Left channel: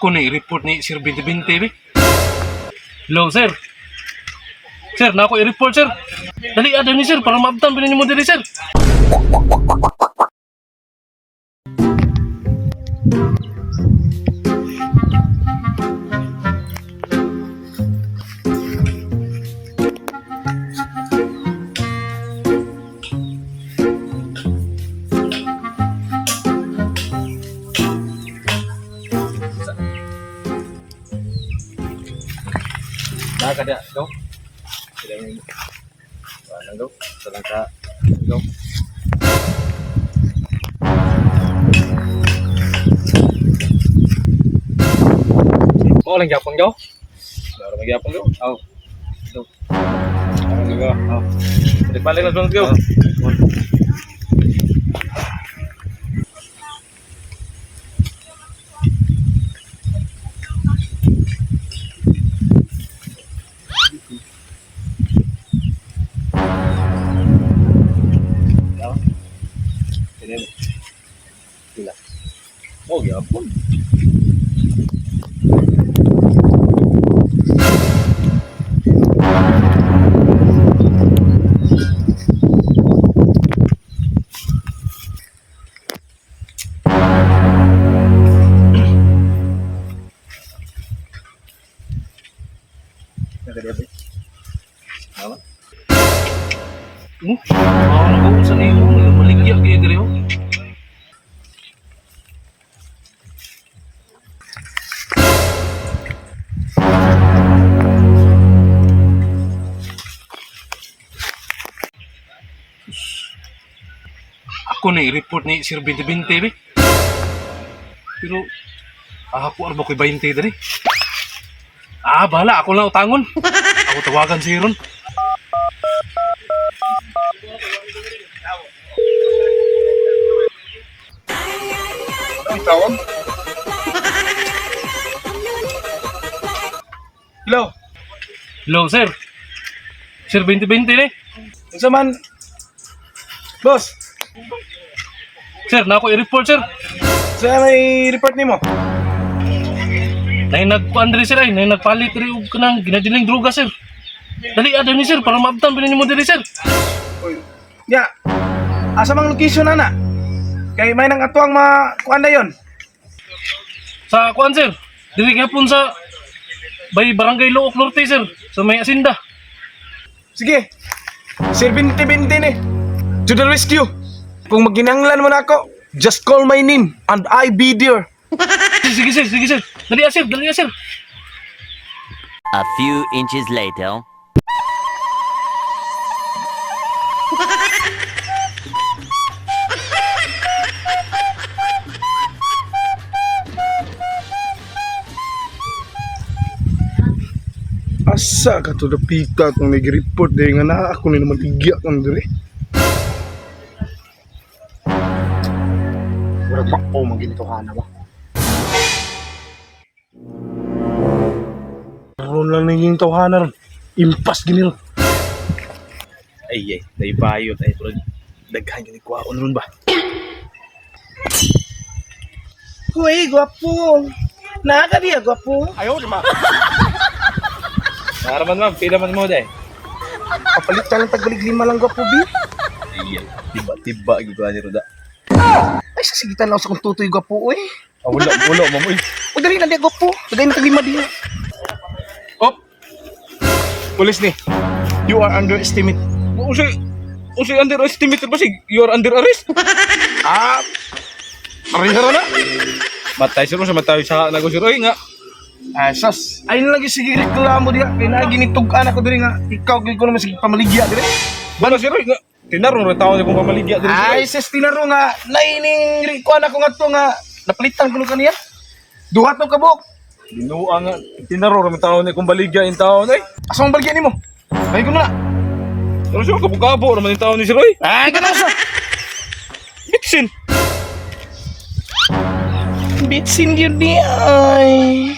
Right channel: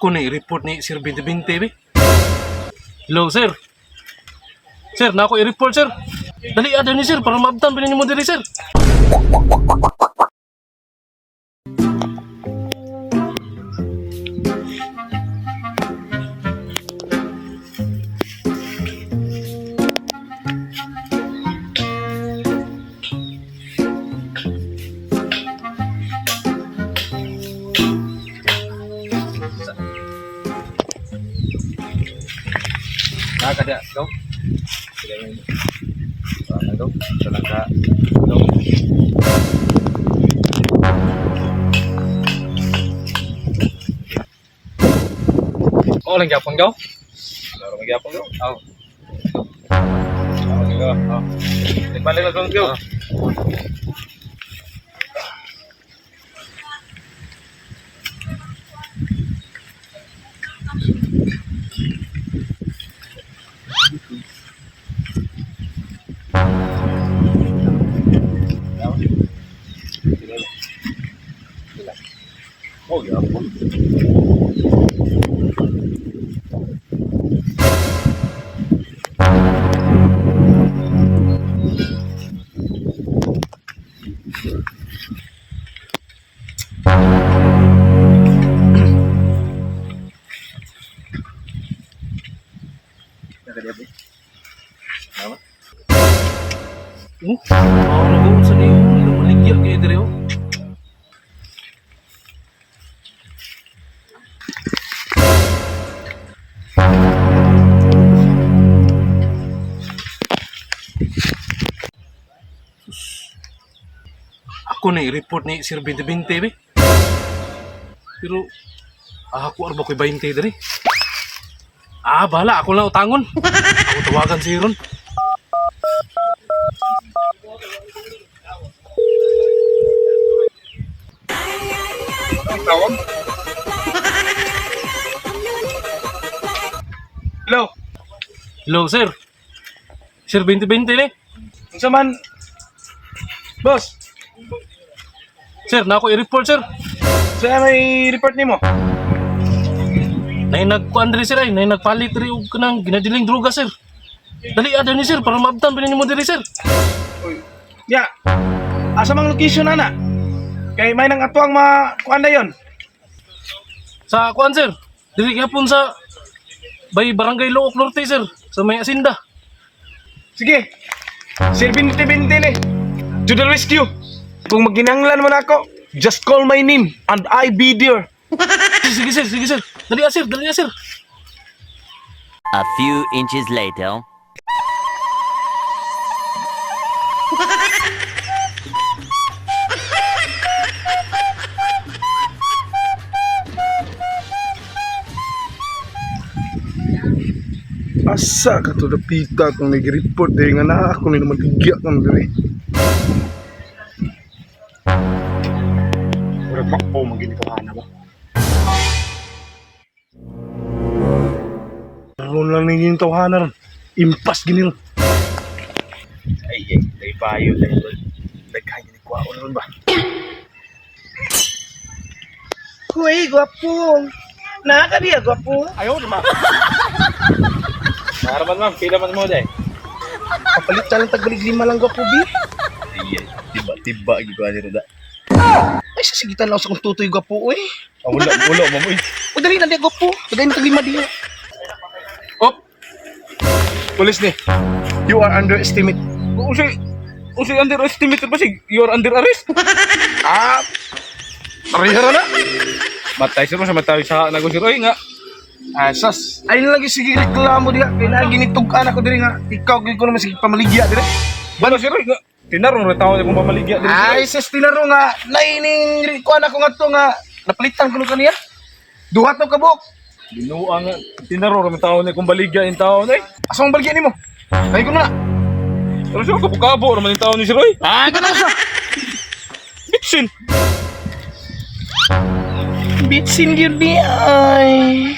Ako ni report ni Sir Binti-Binti, be. Hello, sir. Sir, na ako i-report, sir. Dali, ada ni sir, para maabtan pa mo dali, sir. Nah, kada daw. Kada mo. Ano daw? Talaga daw. Oh, lang gyapon daw. Laro magyapon daw. Oh. Ano nga? Oh. Di balik lang daw. Oh, ya ampun. Nak dia apa? Apa? Ano sa iyo? Maligya kayo diri, oh. Ako ni report ni Sir Binti-Binti, be. Pero ako arba ko'y 20 dali. Bahala, ako lang utangon. Ako tawagan si Ron. Ang tawag? Hello. Hello, sir. Sir Binti-Binti, ni. Unsa man? Boss, Sir, na ako i-report, sir. saya may report nimo. Nay nagkuan diri, sir, ay. Nay nagpalit diri og kanang ginadiling droga, sir. Dali, ada ni, sir, para maabtan pa mo diri, sir. Uy. Ya. Asa mang location ana? Kay may nang atuang kuan na yon. Sa kuan, sir. Diri gapon sa Bay Barangay Look Norte, sir. Sa may asinda. Sige. Sir Binti-Binti ni. To the rescue. Kung maginanglan mo na ako, just call my name and I be there. Sige, sir, sige, sir. Dali, sir, dali, sir. A few inches later. Asa ka to dapita kung nag-report dahil nga na ako ni naman igya kang dali. Murag ba o maginito ka na ba? Naroon lang naging tawhana ron. Impas ginil. Ay, day bayo, day bro. Daghan yun ikwaon ron ba? Uy, gwapo. Naka diya, gwapo. Ayaw, di ba? Naraman ma'am, pila man mo day. Kapalit ka lang tagbalik 5 lang gwapo, bi. Ay, tiba-tiba, gigwa ni Roda. Ay, sasigitan lang sa kong tutoy gwapo, uy. Wala, ma'am, uy. O, dali na diya, gwapo. Tagay na tag-5 diya. Oh! Police ni, you are underestimate. Usay underestimate ba si? You are under arrest? Parihara na. Matay sir mo sa matay sa nagosir. Oy nga. Asas. Ay lagi sige reklamo diha. Kay na ginitugan ako diri nga. Ikaw gyud ko naman sige pamaligya diri. Bano sir nga. Tinarong ra tawo kung pamaligya diri. Ay sis tinarong nga. Naining kuan ako nga to nga napalitan ko kaniya. Duha to kabuk. Ginuwa nga. Tinarong ra tawo ni kung baligya in tawo nay. Asa mong baligya nimo? Ay ko na. Pero siya kabukabo naman yung tawo ni si Roy. Ganun siya. Bitsin. Bitsin yun di ay.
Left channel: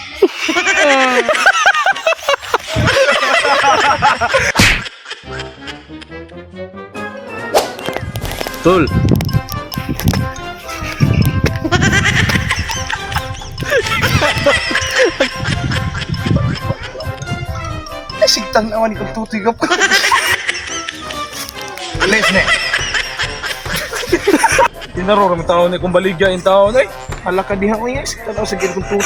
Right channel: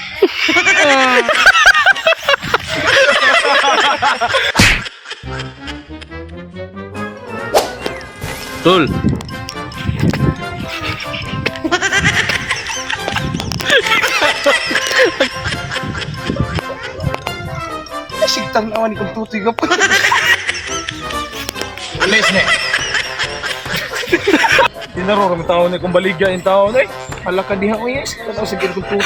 Tol. Sigtang naman ni kong tutoy ka pa. Alis na. Tinaro kami tao na kung baligya yung tao na eh. Hala ka diha ko yes. Tanaw sa kong tutoy.